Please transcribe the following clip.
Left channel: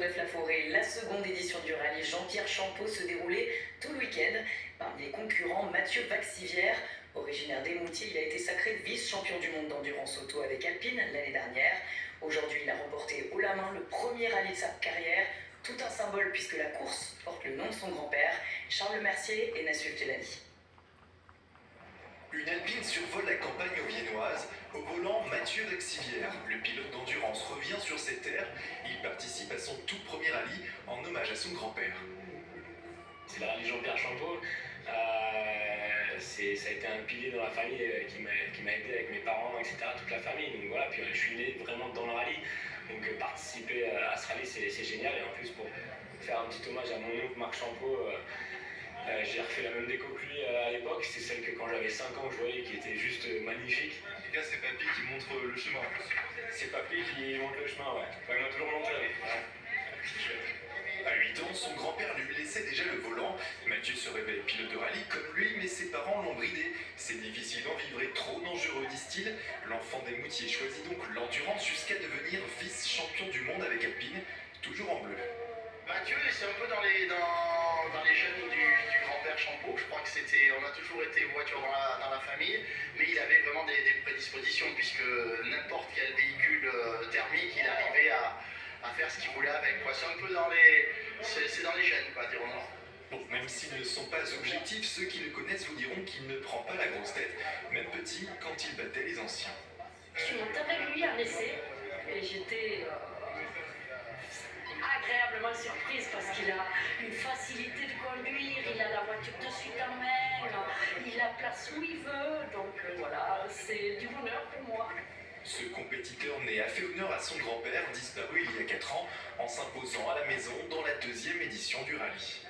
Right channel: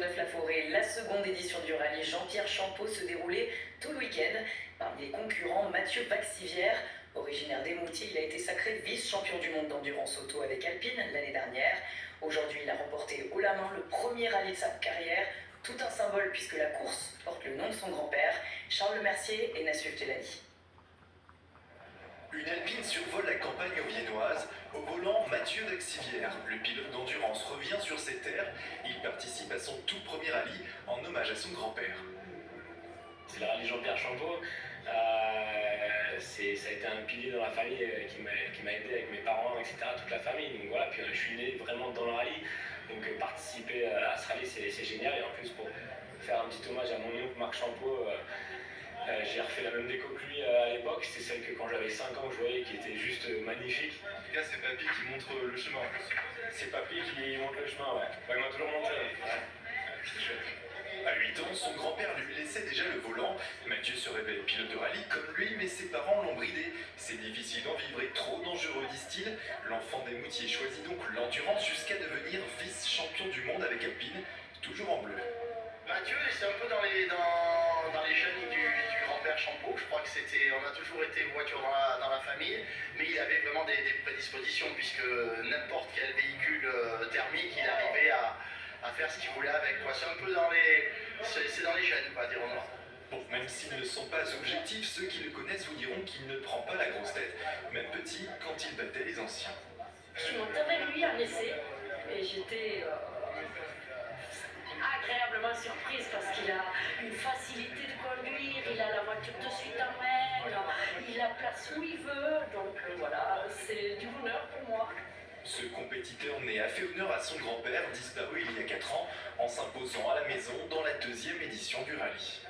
Châteauneuf-la-Forêt, la seconde édition du rallye Jean-Pierre Champeau se déroulait tout le week-end. Parmi les concurrents, Mathieu Vaxivière, originaire d'Émoutier, il a été sacré vice-champion du monde d'endurance auto avec Alpine l'année dernière. Aujourd'hui, il a remporté haut la main le premier rallye de sa carrière. Tout un symbole puisque la course porte le nom de son grand-père, Charles Mercier et Nassif Telani. Une Alpine survole la campagne viennoise. Au volant, Mathieu Vaxivière. Le pilote d'endurance revient sur ses terres. Il participe à son tout premier rallye en hommage à son grand-père. C'est le rallye Jean-Pierre Champeau. Ça a été un pilier dans la famille qui m'a aidé avec mes parents, etc., toute la famille. Donc voilà, puis je suis né vraiment dans le rallye. Donc participer à ce rallye, c'est génial. Et en plus, pour faire un petit hommage à mon oncle Marc Champeau, j'ai refait la même déco que lui à l'époque. C'est celle que quand j'avais 5 ans, je voyais qui était juste magnifique. Les gars, c'est Papy qui montre le chemin. C'est Papy qui montre le chemin, ouais. Il m'a toujours montré. Ouais. À 8 ans, son grand-père lui laissait déjà le volant. Mathieu se révèle pilote de rallye comme lui, mais ses parents l'ont bridé. C'est difficile d'en vivre et trop dangereux, disent-ils. L'enfant d'Émoutier choisit donc l'endurance jusqu'à devenir vice-champion du monde avec Alpine, toujours en bleu. Mathieu, c'est un peu dans les jeunes du grand-père Champeau. Je crois que on a toujours été voiture dans la famille, mais il avait vraiment des prédispositions, puisque n'importe quel véhicule thermique, il arrivait à faire ce qu'il voulait avec, quoi. C'est un peu c'est dans les gènes, on va dire, au nord. Bon, même s'ils ne sont pas objectifs, ceux qui le connaissent vous diront qu'il ne prend pas la grosse tête, même petit, quand il battait les anciens. Je suis montée avec lui à l'essai et j'étais agréablement surprise parce qu'il a une facilité de conduire, il a la voiture de suite en main, il la place où il veut, donc voilà, c'est du bonheur pour moi. Ce compétiteur né a fait honneur à son grand-père, disparu il y a 4 ans, en s'imposant à la maison dans la 2e édition du rallye.